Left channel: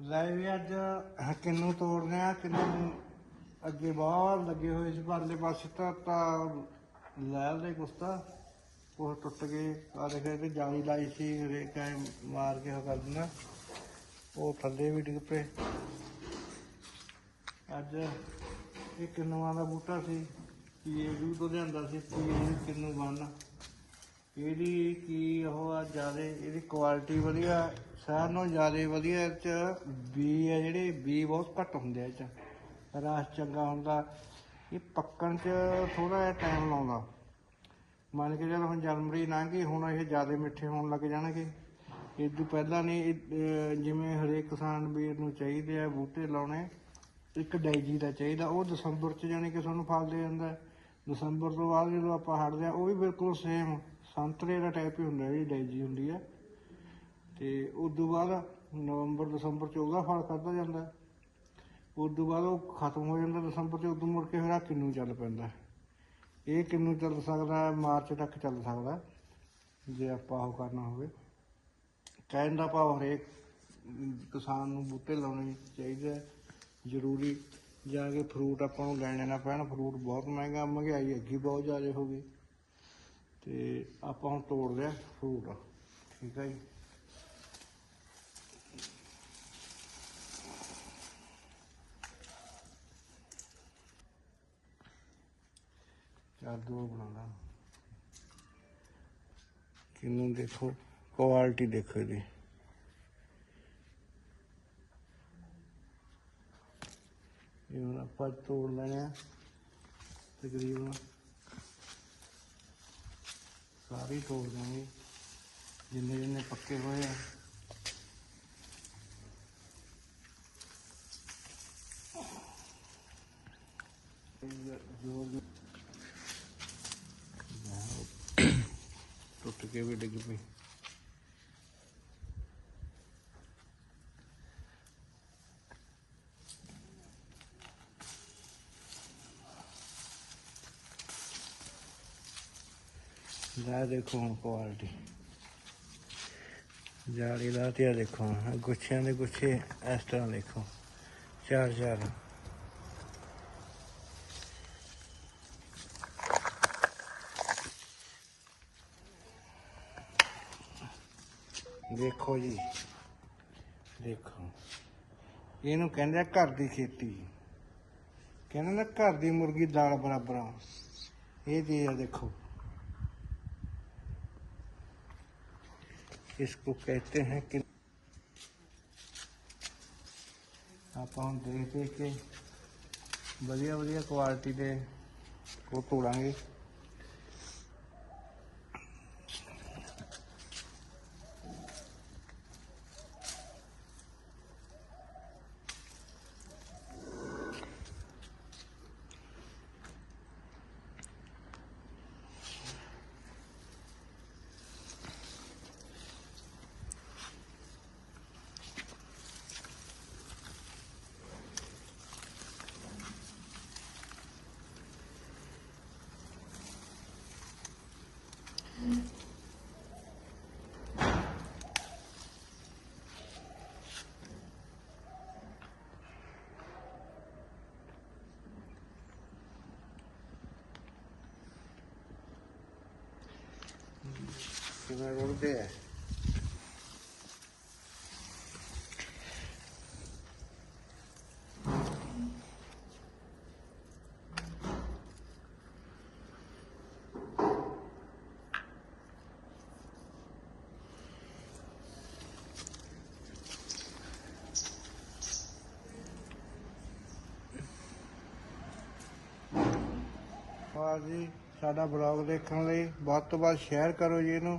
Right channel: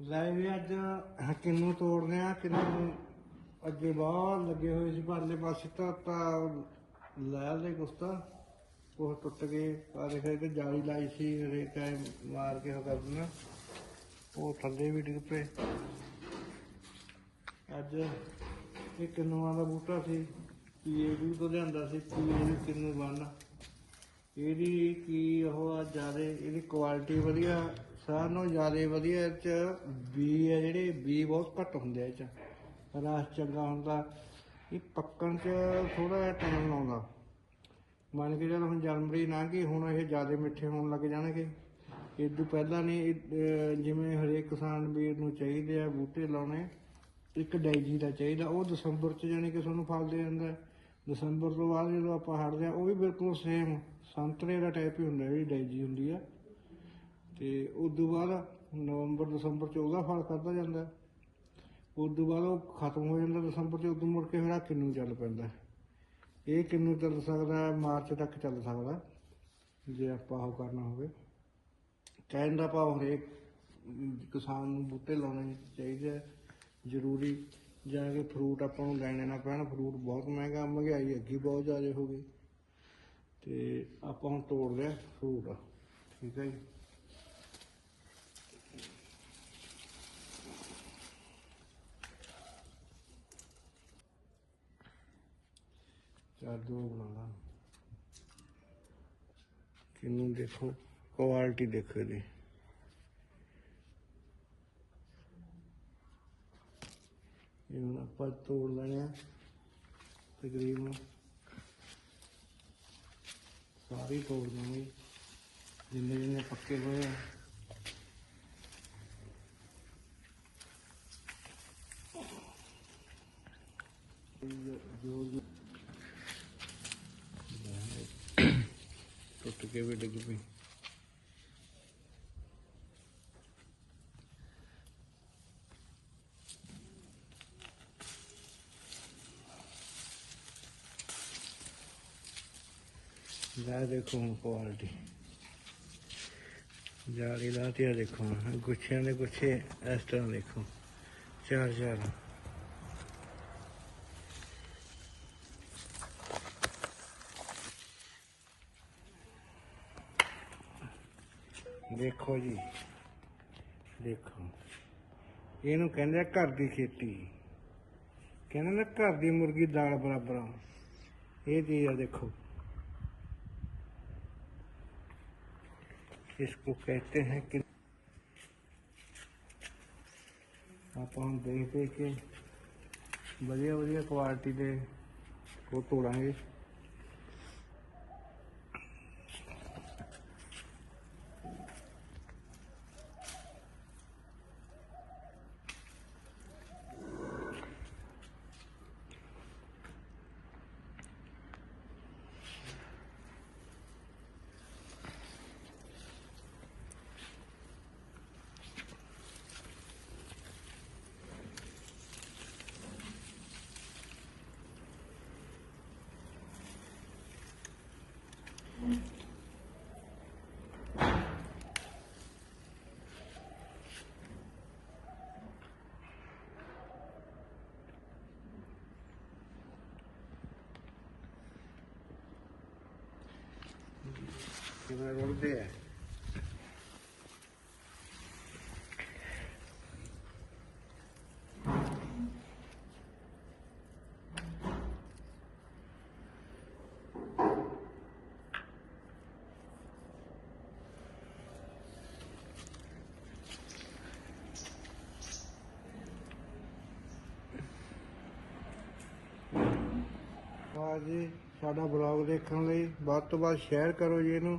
ਲੈ ਵੀ ਅੱਜ ਕਿੰਨੂ ਤੋੜ ਗਿਆ ਕਿੰਨੂ ਅੱਗੇ ਬਾਹਰ ਲੱਗੇ ਹੋਏ ਸੀ ਪਰਲੇ ਪਾਸੇ ਤਾਂ ਤਾਂ ਲੈ ਦੇ ਕੁਸਤਾ ਉਹ ਟੁੱਟ ਗਏ ਆ ਦੇਖੇ ਤੇ ਜਾਲੀ ਲਾਈ ਸੀ ਰੇ ਟਾਈਮ ਮਾਰ ਕੇ ਉਹ ਕਰ ਦਿੰਦਾ। ਉਹ ਥੱਲੇ ਵੀ ਡਿੱਗ ਪਏ। ਅੱਜ ਇਹ ਕਿੰਨੂਆਂ ਦਾ ਬੂਟਾ ਸੀ ਪੀਏਡੀ ਤੋਂ ਲਿਆਂਦਾ ਸੀ ਪੀਏਡੀ ਕਿੰਨੂ ਬੰਨ। ਇਹਦੀ ਕੀ ਉਹ ਆ, ਜ਼ਿਆਦਾ, ਇਹਦੀ ਕੁਆਲਿਟੀ ਵਧੀਆ। ਸਾਰਿਆਂ ਨਾਲੋਂ ਜ਼ਿਆਦਾ ਵਧੀਆ ਇਹ ਚ ਬੀ ਆ ਜਿਹੜੇ ਬੀ ਬਹੁਤ ਘੱਟ ਹੁੰਦੇ ਆ ਇਹ ਚ। ਰਸ ਚੰਗਾ ਹੁੰਦਾ। ਇਹ ਪੱਕਣ ਚ ਥੋੜਾ ਜਿਹਾ ਟਾਈਮ ਲਾਉਂਦਾ। ਮੰਨ ਕੇ ਚੱਲ ਹੁਣ ਜਨਵਰੀ ਲੰਘ ਗਈ ਹੁਣ ਇਹ ਜ਼ਿਆਦਾ ਮਿੱਠੇ ਹੋਣ ਲੱਗ ਜਾਣਗੇ। ਇਹ ਤੋਂ ਪਹਿਲਾਂ ਨੇ ਜਿਵੇਂ ਹਰੇਕ ਕਿਸਾਨ ਵੀਰ ਨੂੰ ਚਾਹੀਦੇ ਆ ਬੂਟੇ ਲਾਉਣੇ, ਇੱਕ ਡੈਜੀ ਦਾ ਚਾਹੀਦਾ। ਉਹ ਦਸੰਬਰ ਚ ਜਾਨੀ ਕਿ ਤੁਹਾਨੂੰ ਫਲ ਦੇ ਜਾਂਦਾ ਦਸੰਬਰ ਤੋਂ ਬਾਅਦ ਜਦੋਂ ਆਪਾਂ ਹਟਦੇ ਆ, ਉਹ ਵੀ ਬਿਲਕੁਲ ਸੇਮ ਸੰਤਰੇ ਦਾ ਟਾਈਪ ਹੀ ਹੁੰਦਾ, ਜਿਹੜੀ ਡੈਜੀ ਹੁੰਦੀ ਆ। ਤੇ ਉਸ ਤੋਂ ਬਾਅਦ ਨਵੰਬਰ ਦਸੰਬਰ ਚ ਉਹਦਾ ਫਲ ਖਾਧਾ ਜਾਂਦਾ ਉਸ ਤੋਂ ਬਾਅਦ ਉਹ ਖਤਮ ਹੋ ਜਾਂਦਾ ਦਸੰਬਰ ਚ ਉਦੋਂ ਮੁੜ ਕੇ ਫਿਰ ਆਹ ਕਿੰਨੂ ਚੱਲ ਪੈਂਦਾ ਇਹ ਕਿੰਨੂ ਚੱਲ ਸਕਦਾ ਹੈ, ਮਾਰਚ ਤੱਕ ਚੱਲ ਸਕਦਾ ਜੇ ਆਪਾਂ ਉਹ ਕਰਨਾ ਹੋਵੇ। ਕਹਿਣ ਦਾ ਭਾਵ ਹਰੇਕ ਅਮ, ਕਿਸਾਨ ਨੂੰ ਬੂਟੇ ਲਾਉਣੇ ਚਾਹੀਦੇ ਹੈ। ਜ਼ਰੂਰੀ ਜਾ ਕੇ ਫਰੂਟ ਆਪਾਂ ਨੂੰ ਲੈਣੇ ਨਾ ਪੈਣ ਫਰੂਟ ਬਹੁਤ ਮਹਿੰਗਾ ਮਹਿੰਗਾਈ ਅੱਗੀ ਬਹੁਤ ਜ਼ਿਆਦਾ ਹੋ ਗਈ। ਤੇ ਆਪਾਂ ਹੁਣ ਤੋੜ ਲਿਆ ਫਰੂਟ ਠੀਕ ਹੈ ਜੀ। ਚਾਰ ਦੋ ਕਿੰਨੂੰ ਦੇਖੋ ਕੁਆਲਿਟੀ ਦੇਖੋ ਜੀ। ਇਹ ਹੁਣ ਆਪਾਂ ਤੋੜ ਲੈਣੇ ਆ, ਤਕਰੀਬਨ ਸਾਰੇ ਤੋੜ ਦੇਵਾਂਗੇ ਜਿੰਨੇ ਜਿੰਨੇ ਪੱਕੇ ਹੋਏ ਆ। ਜੋ ਟੁੱਟ ਕੇ ਵੀ ਡਿੱਗ ਪਈ ਜਾ ਦੇਖੋ ਹੁਣ ਕੁਆਲਿਟੀ ਜਾਲੀ ਲਾ ਤੇ ਆ ਦੇਖੋ ਆਹ ਗੁੱਛਿਆਂ ਦੇ ਗੁੱਛੇ ਇਸ ਤਰ੍ਹਾਂ ਦੇਖੋ ਚਾਰ ਚਾਰ ਦੇਖੋ ਜੀ ਦੇਖੋ ਇਹਨੂੰ ਕਹਿੰਦੇ ਆ ਘਰ ਦੀ ਖੇਤੀ ਕਹਿੰਦੇ ਨਾ ਘਰ ਦੀ ਮੁਰਗੀ ਦਾਲ ਬਰਾਬਰ ਆ ਇਹ ਚੀਜ਼ ਆ ਦੇਖੋ इसको कहते हैं कि ਆਪਾਂ ਹੁਣ ਦੇਖ ਦੇਖ ਕੇ ਵਧੀਆ ਵਧੀਆ ਕੁਆਲਿਟੀ ਦੇ ਉਹ ਤੋੜਾਂਗੇ ਕਿਵੇਂ ਰੁੜਦੇ ਜੀ ਸਾਡਾ ਬਲੌਗ ਦੇਖਣ ਲਈ ਵੱਧ ਤੋਂ ਵੱਧ ਸ਼ੇਅਰ ਕਰੋ ਜੀ ਇਹਨੂੰ।